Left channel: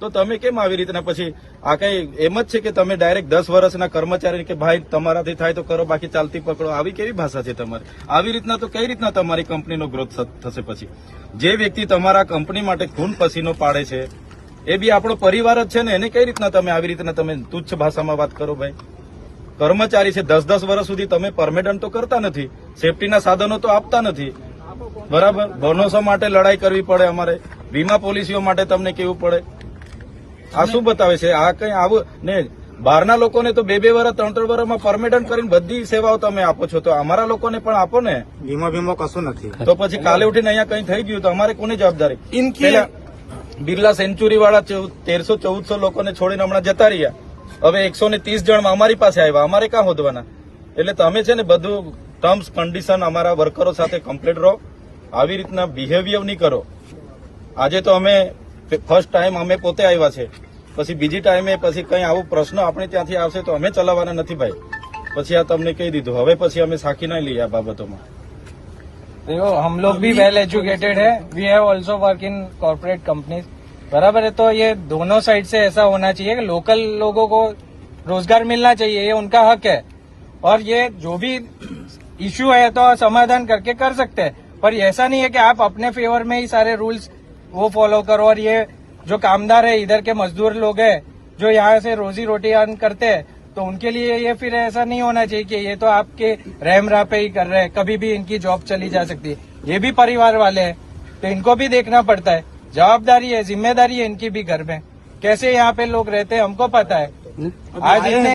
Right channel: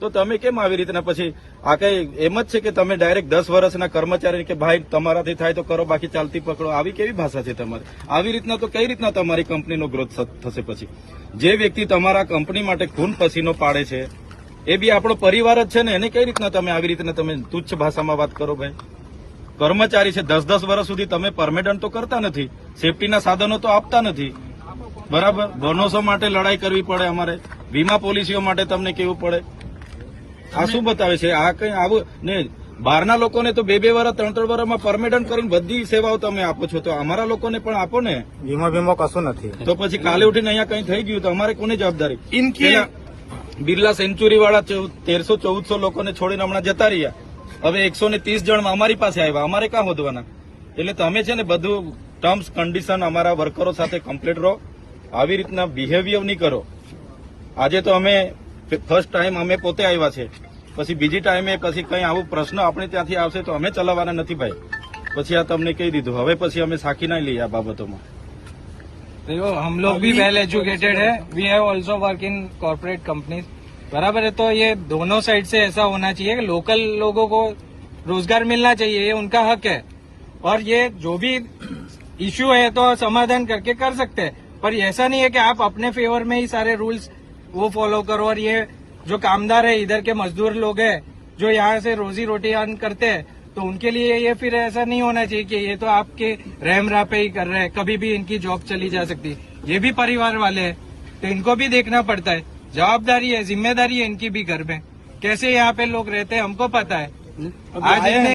તો તમે કેમ આવી રીતના પછી આ કઈ એમ જ છે કે તમે ડાયરેક્ટ 10 વર્ષના કર્મચારી કે ભાઈ તમારાથી થાય તો કરો બાકી ચાલતી પકડો, આવી કેવી ભાષા છે તમારી? આવી રીતના તો કઈ રીતના તમારી કંપનીનો ગ્રોથ થશે? પછી જે વ્યક્તિ તમારા કંપની માટે ખૂન પસીનો પાડે છે એ બી આપણો પરિવાર જ છે ને, એને કઈ રીતના તમે આવી રીતના તમે તુચ્છ ભાષામાં વાત કરો? ભાઈ કર્મચારી છે, 10-10 વર્ષ સુધી તમે પરમેનન્ટ તો કરતા નથી, સેફટીના સાધનો તો આપતા નથી, બરાબર? બોનસો માટે લડાઈ કરવી પડે અમારે, વીમા પોલિસીઓ માટે તમને કેવું પડે. આ શું બતાવે છે? આ કઈ આવું ને બહારના લોકોને તો 2-2 વર્ષ 3-3 વર્ષમાં પરમેનન્ટ કરીને બધી સેવાઓ તમે આપો છો, તો અમારા લોકોને પણ આપો ને. વીમો કશું નથી. તો પછી કાલે ઉઠીને અહીંયા કઈ થઈ ગયું તો અમારે કોની જવાબદારી? બિરલા સેન્ચુરી વાળા 1300-1400 લોકોને છોડીને હમણાં જતા રહ્યા, હવે 130 જણ અમારી પાસે આવ્યા, અમારે ક્યાં હોદવાના? એટલે તમે છે ને બધું ટર્મ્સ કન્ડિશન અમારા વર્કરો સાથે કમ્પ્લીટ રહો, આવી રીતના બિહેવિયર નહીં કરો. આજે તો અમે ફર્સ્ટ ટાઈમ અમે પોતે આવ્યા છે, પછી બીજી ટાઈમે પછી કઈ આવું પ્રશ્ન આપણે ત્યાંથી આવશે તો અમે ચલાવવાના નથી ભાઈ. પછી આ તમને કહી દીધું, હવે પછી અમે સાખી નહીં લઈએ આ બાબતોમાં. देखो हम लोग भी वेल एजुकेटेड है, we have also work in corporate companies, बराबर है। तो ये दोनों साइड से ऐसा होना चाहिए कि लोकल लोगों को रोजगार मिलना चाहिए, ये उनका हक है। और ये जो भी इश्यू है तो समाधान करके कर सकते हैं, पर ऐसा नहीं है कि आप अपने फेवर में ही सारे रूल्स वो फॉलो करो। और ये जो कामदार है, इधर के मजदूर लोग हैं जो यहाँ से रोजी रोटी अर्न करते हैं, तो उनके लिए ये फिर ऐसा नहीं होना चाहिए कि ये तो आपके रहम राह पे ही कर रहे हैं, कभी भी इनकी जॉब चली जा सकती है। ये भी परिवार वाले हैं तो इनको भी देखना पड़ता है, जवाबदारी है, जिम्मेदारी है इनकी भी घर में। कैसे यहाँ पे लोग रहते हैं हमको पता है। आज